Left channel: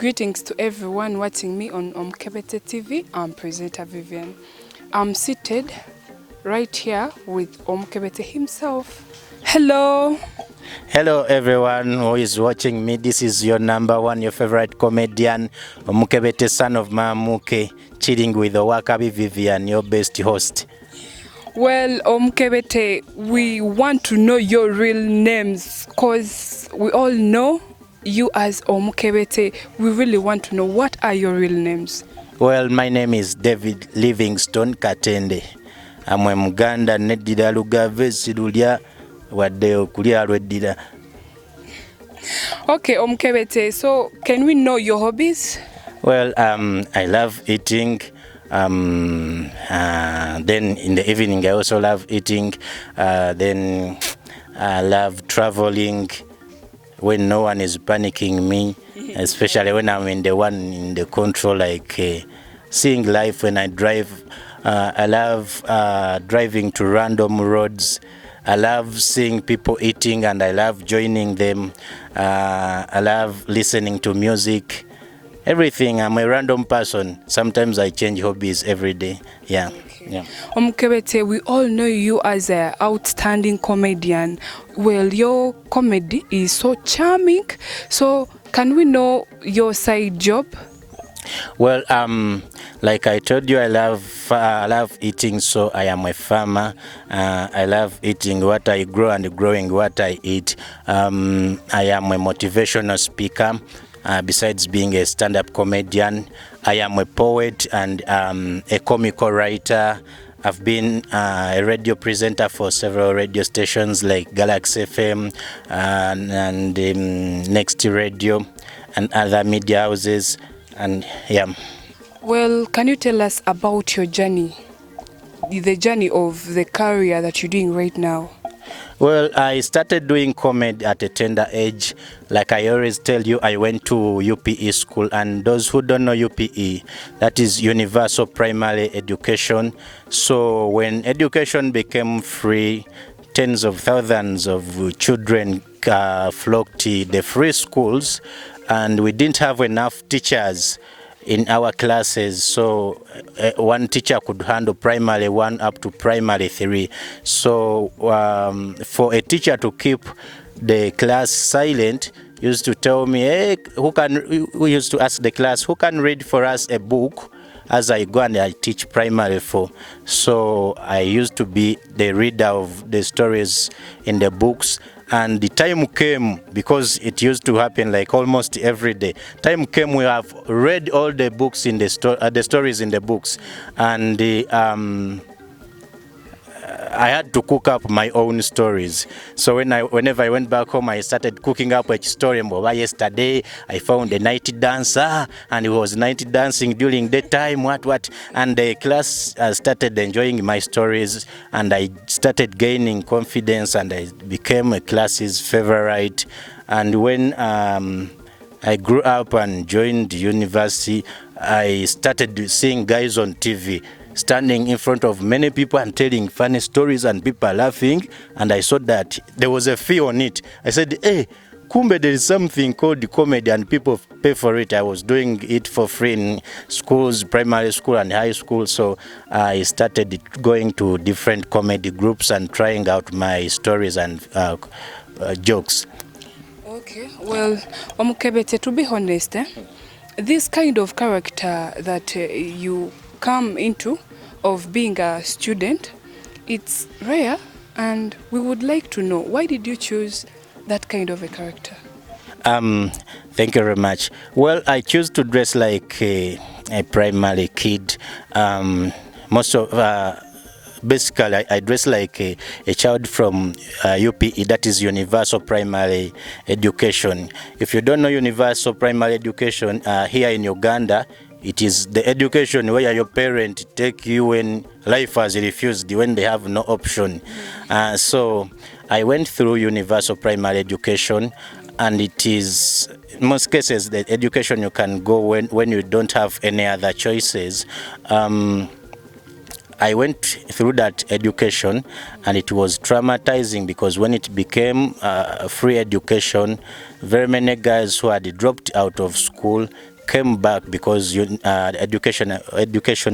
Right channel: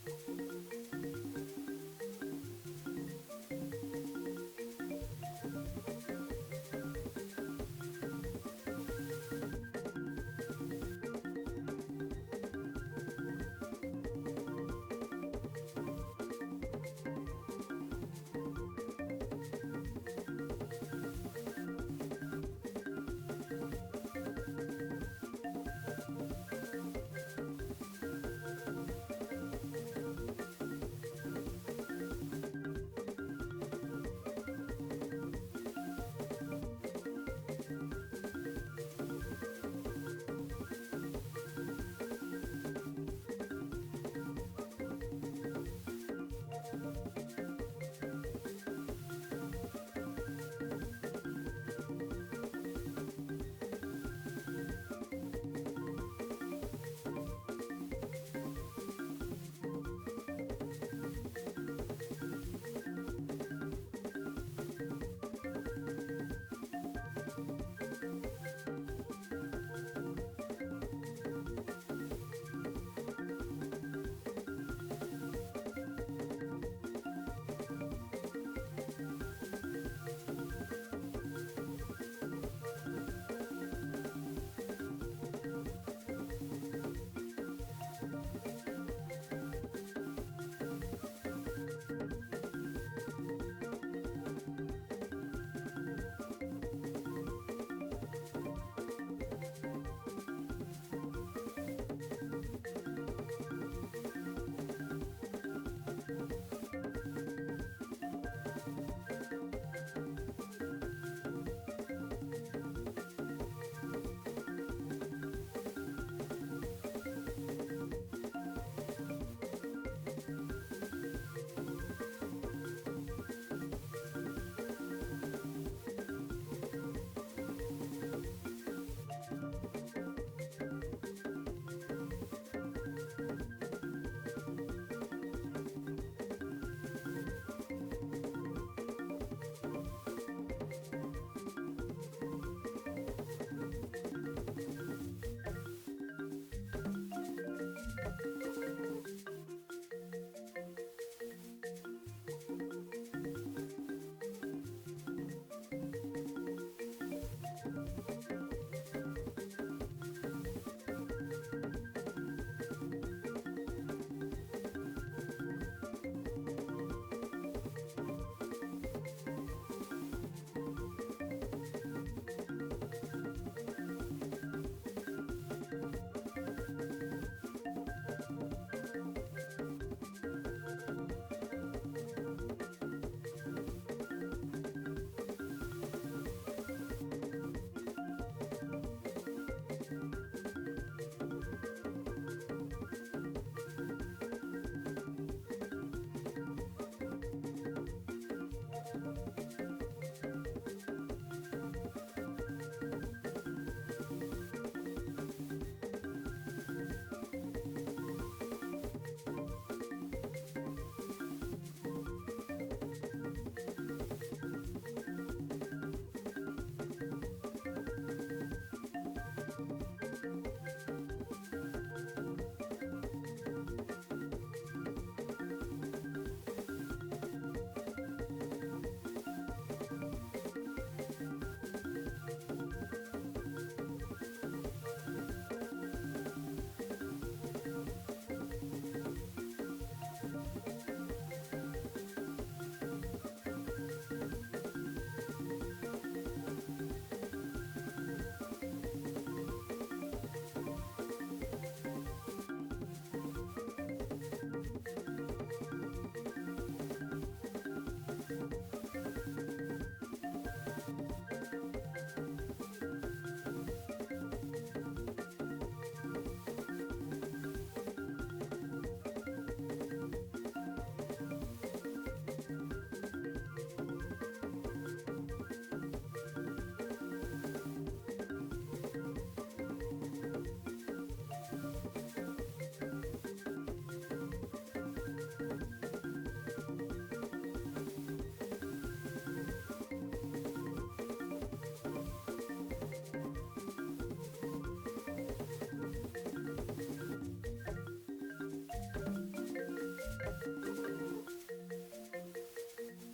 Greetings to everyone watching me on Omukebete TV. I'm presenter Vivian. I'm seated right here with Omukebete himself. Hello. Hello everyone who is watching me. This is your number one, your favorite comedian, Omukebete, son of Mamuke, chilling with Wakabi Vivian, your best host. Well, Omukebete, we want to know your real names because we all know you as Omukebete. We really want to know what are your real names. Well, my name is David Livingstone Katende. I'm a Muganda neddira lugave silulya wadde okulya lweddira. Okay, Omukebete, so can we know your hobbies? Well, I love eating. Then in the evening I also love eating. Then I love traveling when no one is panicking me, especially when I'm in the control, like seeing life when I drive. I love driving to random roads. I love seeing people eating and I love joining them. I love listening to music. Everything. I'm a random person. Sometimes I change hobbies every day. Yeah. Yeah. Omukebete, we all know you as an outstanding comedian. Well, your comedy is so charming. So can we know your side job? Well, like I told you, I love eating, so I am a farmer. I love eating what I grow and growing what I eat. I am a motivational speaker. Besides being a stand-up comedian, I am a poet and a comical writer. I've been a radio presenter for several radio stations like Galaxy FM and Next Radio and other media houses. And yeah. Well, can you tell us about your journey, the journey of the career that you're doing right now? Well, I started doing comedy at a tender age. Like I always tell you, I went to UPE school, and those who don't know UPE, that is Universal Primary Education. So when education became free, tens of thousands of children flocked to the free schools, and we didn't have enough teachers in our classes, so one teacher could handle primary 1 up to primary 3. So for a teacher to keep the class silent, used to tell me, hey, we used to ask the class, who can read for us a book as I go and I teach primary 4. So I used to be the reader of the stories in the books. And the time came, because it used to happen like almost every day. Time came, we have read all the books in the stories in the books, and I had to cook up my own stories. So whenever I went back home, I started cooking up a story. Yesterday, I found a night dancer, and he was night dancing during daytime, what. And the class started enjoying my stories, and I started gaining confidence, and I became a class's favorite. And when I grew up and joined university, I started seeing guys on TV standing in front of many people and telling funny stories and people are laughing, and I saw that there was a fee on it. I said, hey, kumbe, there is something called comedy and people pay for it. I was doing it for free in schools, primary school and high school, so I started going to different comedy groups and trying out my stories and jokes. Okay, well, Omukebete, to be honest, this kind of character that you come into of being a student, it's rare, and we would like to know, why did you choose that kind of a character? Thank you very much. Well, I choose to dress like a primary kid. Basically, I dress like a child from UPE, that is Universal Primary Education. If you don't know Universal Primary Education, here in Uganda, it is the education where your parents take you when life has refused, when they have no option. So I went through Universal Primary Education, and it is, in most cases, the education you can go when you don't have any other choices. I went through that education, and it was traumatizing because when it became free education, very many guys who had dropped out of school came back because education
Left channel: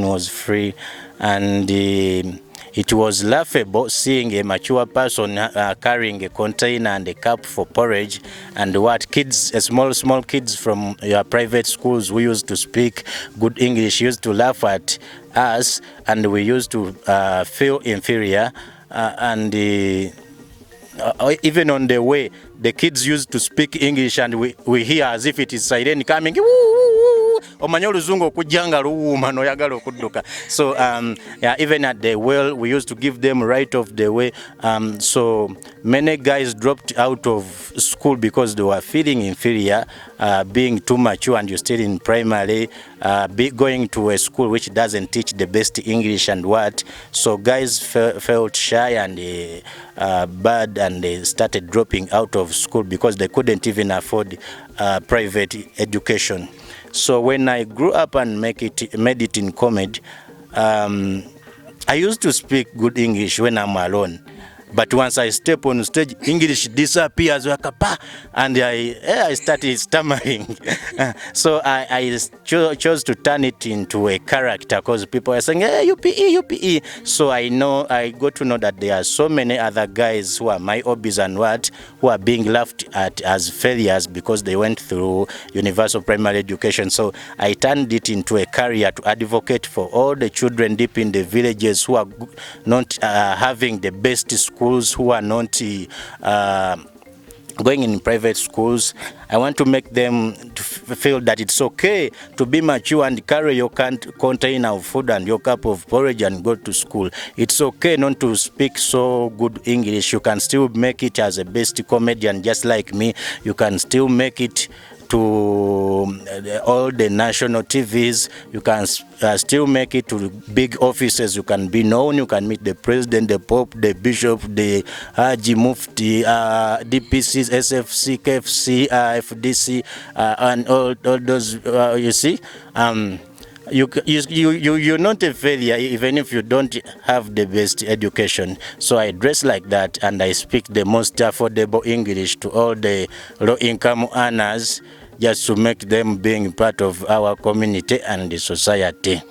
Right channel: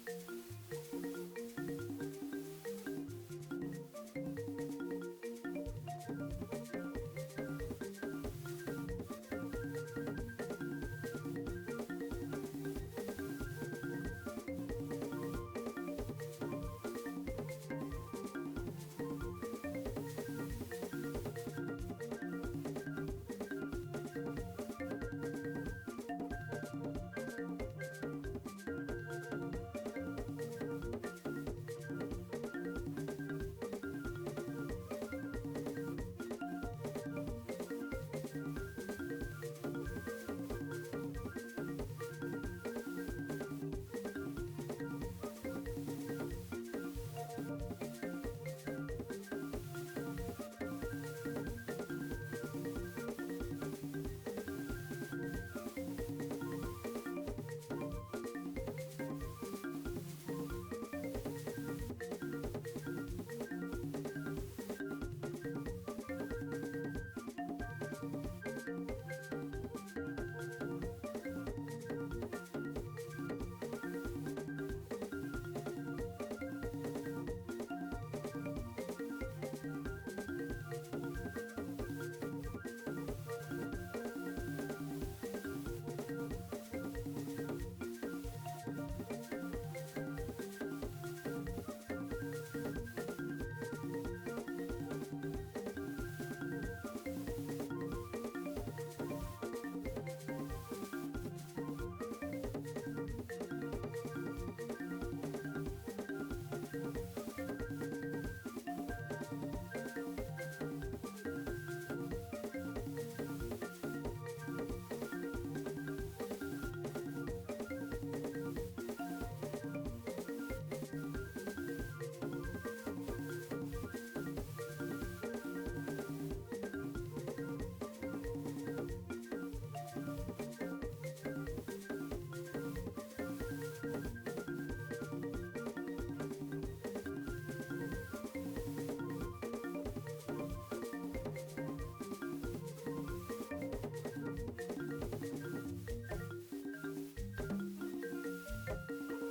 was free, and it was laughable seeing a mature person carrying a container and a cup for porridge, and what kids, small kids from your private schools who used to speak good English used to laugh at us, and we used to feel inferior, and even on the way, the kids used to speak English, and we hear as if it is siren coming. Omanya oluzungu okujjanga luwuuma n'oyagala okudduka. So yeah, even at the well, we used to give them right of the way. So many guys dropped out of school because they were feeling inferior, being too mature, and you're still in primary, going to a school which doesn't teach the best English and what. So guys felt shy and bad, and they started dropping out of school because they couldn't even afford private education. So when I grew up and made it in comedy, I used to speak good English when I'm alone. But once I step on stage, English disappears, and I started stammering. So I chose to turn it into a character, because people are saying, hey, UPE. So I got to know that there are so many other guys who are my hobbies and who are being laughed at as failures because they went through universal primary education. So I turned it into a career to advocate for all the children deep in the villages who are not having the best schools, who are not going in private schools. I want to make them to feel that it's okay to be mature and carry your container of food and your cup of porridge and go to school. It's okay not to speak so good English. You can still make it as a best comedian, just like me. You can still make it to all the national TVs. You can still make it to big offices. You can be known. You can meet the president, the pope, the bishop, the Haji Mufti, DPCs, SFC, KFC, FDC, and all those. You see, you're not a failure even if you don't have the best education. So I dress like that, and I speak the most affordable English to all the low-income earners, just to make them being part of our community and the society.